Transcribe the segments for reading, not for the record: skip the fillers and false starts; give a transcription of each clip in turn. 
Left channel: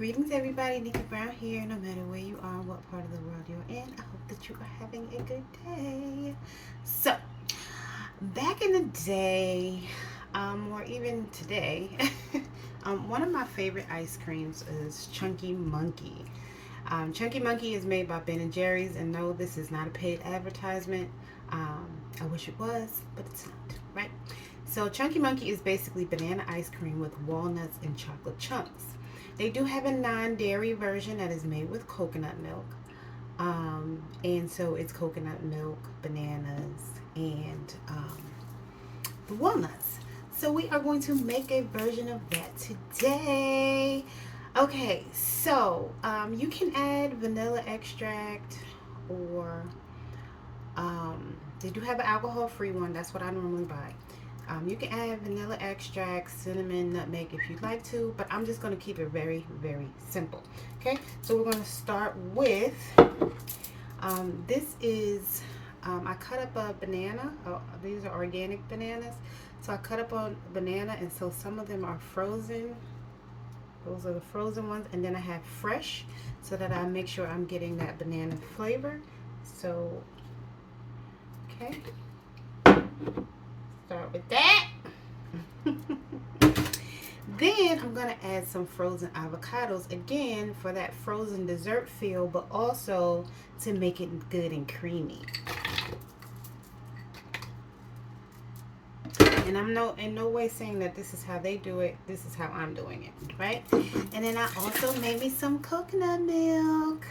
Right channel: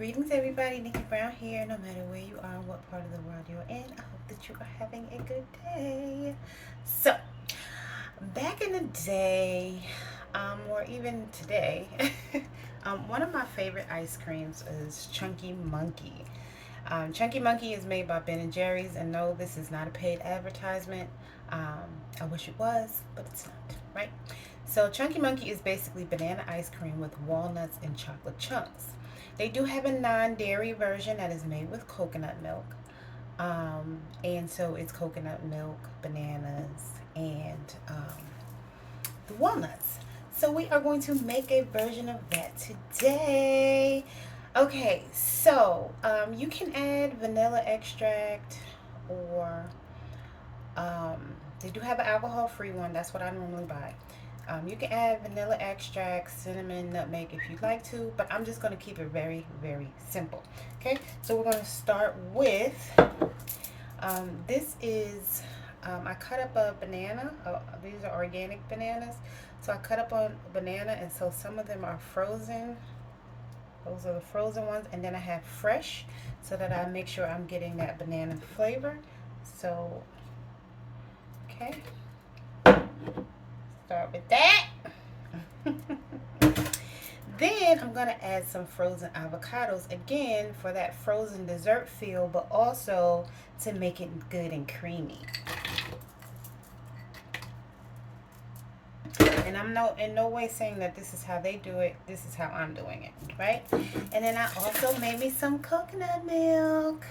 Greetings everybody, Nickie Brown here. No matter where you are, what part of the world you're in, I hope that you are having a good day. So, back in the day, or even today, one of my favorite ice creams is Chunky Monkey. Chunky Monkey is made by Ben & Jerry's, and no, this is not a paid advertisement. I wish it was, but it's not, right? So Chunky Monkey is basically banana ice cream with walnuts and chocolate chunks. They do have a non-dairy version that is made with coconut milk. And so it's coconut milk, bananas, and the walnuts. So we are going to make a version of that today. Okay, so you can add vanilla extract, or they do have an alcohol-free one. That's what I normally buy. You can add vanilla extract, cinnamon, nutmeg if you'd like to, but I'm just going to keep it very, very simple. Okay, so we're going to start with, this is, I cut up a banana. These are organic bananas. So I cut up a banana, and so some of them are frozen. Those are the frozen ones, and then I have fresh, so that I make sure I'm getting that banana flavor. So, okay. Start with that. Then I'm going to add some frozen avocados, again for that frozen dessert feel, but also to make it good and creamy. And I'm in no way saying that this is how they do it. This is how I'm doing it, right? And then I also made me some coconut milk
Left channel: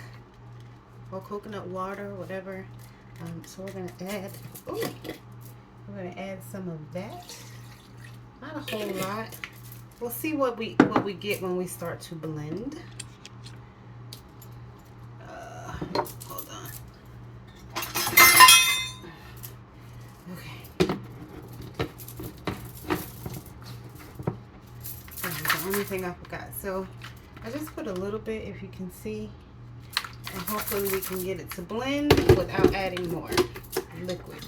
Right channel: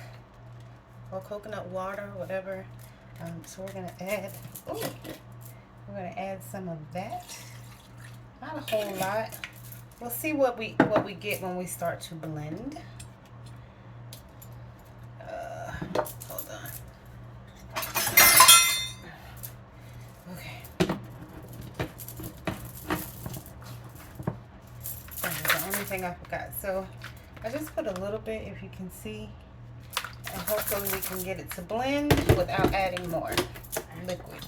or coconut water, whatever. So we're going to add, we're going to add some of that. Not a whole lot. We'll see what we get when we start to blend. Hold on. Okay. That was the only thing I forgot. So I just put a little bit, if you can see, and hopefully we can get it to blend without adding more liquid.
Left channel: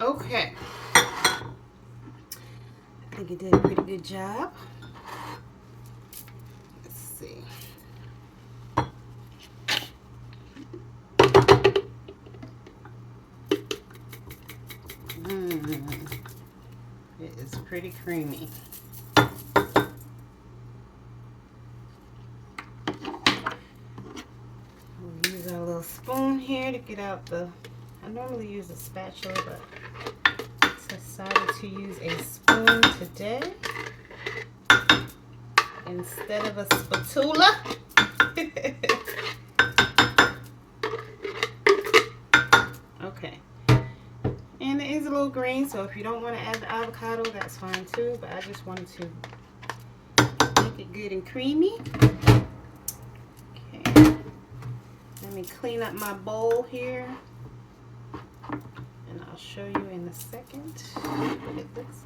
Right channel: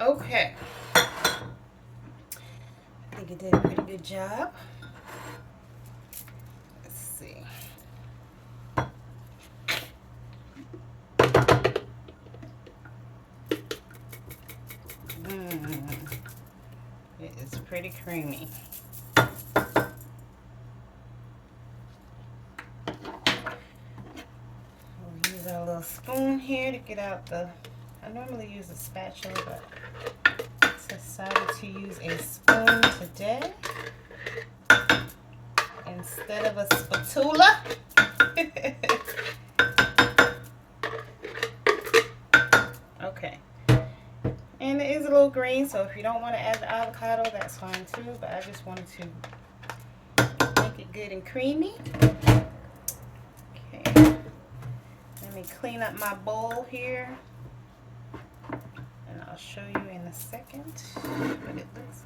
Okay, I think you did a pretty good job. Let's see. It is pretty creamy. We'll use our little spoon here to get out the, I normally use a spatula, but decided to use a spoon today instead of a spatula. Okay, and it is a little green, so if you don't want to add the avocado, that's fine too, but I just wanted to make it good and creamy. Okay, let me clean up my bowl here. I'll show you in a second what it looks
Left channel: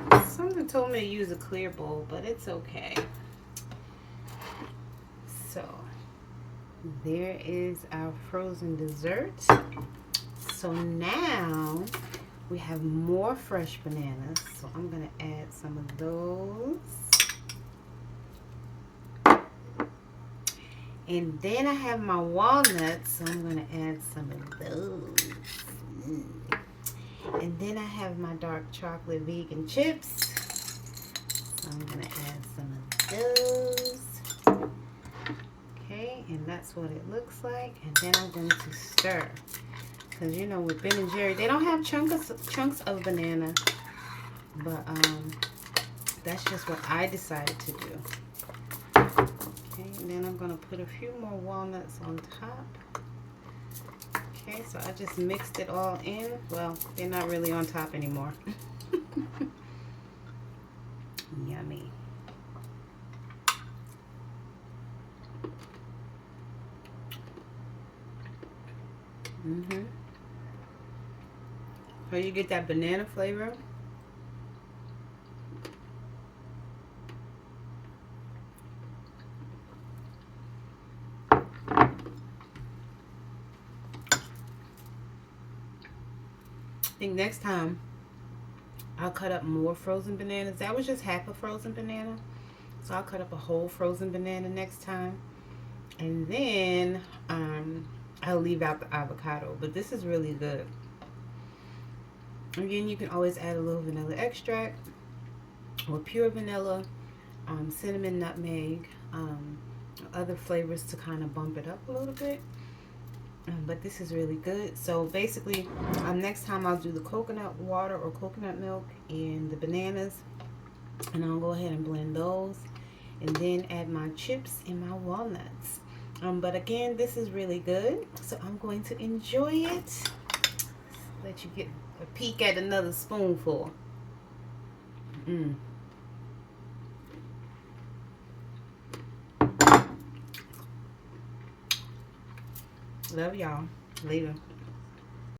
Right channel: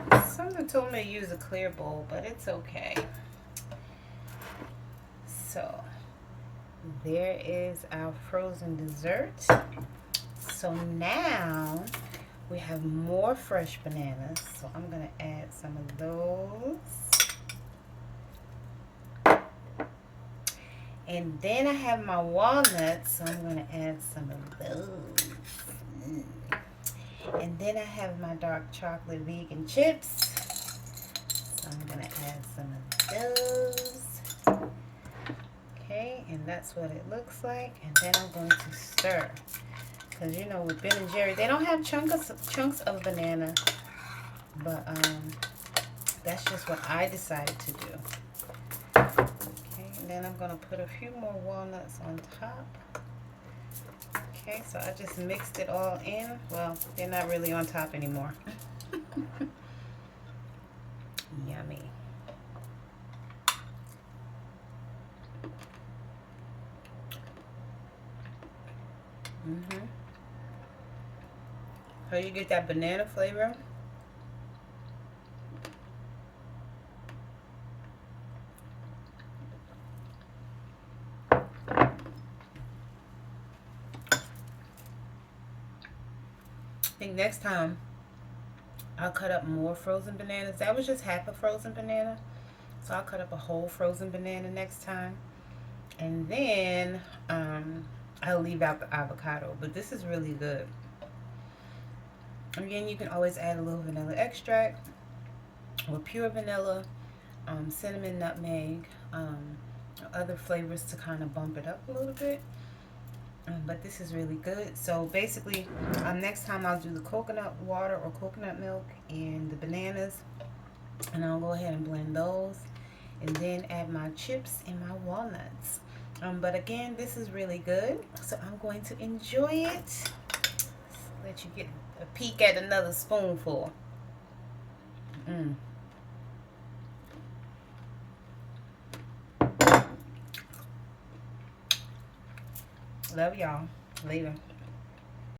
like. Something told me to use a clear bowl, but it's okay. So there is our frozen dessert. So now we have more fresh bananas. So I'm going to add some of those. And then I have my walnuts, so I'm going to add some of those. And then I have my dark chocolate vegan chips. So I'm going to add some of those. Okay, and that's what it looks like. And then I'm going to stir. Because you know, with Ben & Jerry, they don't have chunks of banana. But that's just what I decided to do. Okay, then I'm going to put a few more walnuts on top. Okay, so I just mixed it all in. Well, they're not really on top anymore. Yummy. So you get that banana flavor. I think next time I'll cut up more frozen bananas. That was just half a frozen banana. So I'll cut up a whole frozen banana next time. And then I'll leave out the avocado. But this is really good. Again, you can always add a little vanilla extract or pure vanilla, cinnamon, nutmeg, other flavors to kind of bump it up a little bit. But this is really good. So basically, next time I'll do the coconut water or coconut milk and the bananas, and I'll go ahead and blend those, and then add my chips and my walnuts. But again, this is really good, so I'm going to enjoy it. Let you get a peek at another spoonful. Love y'all. Later.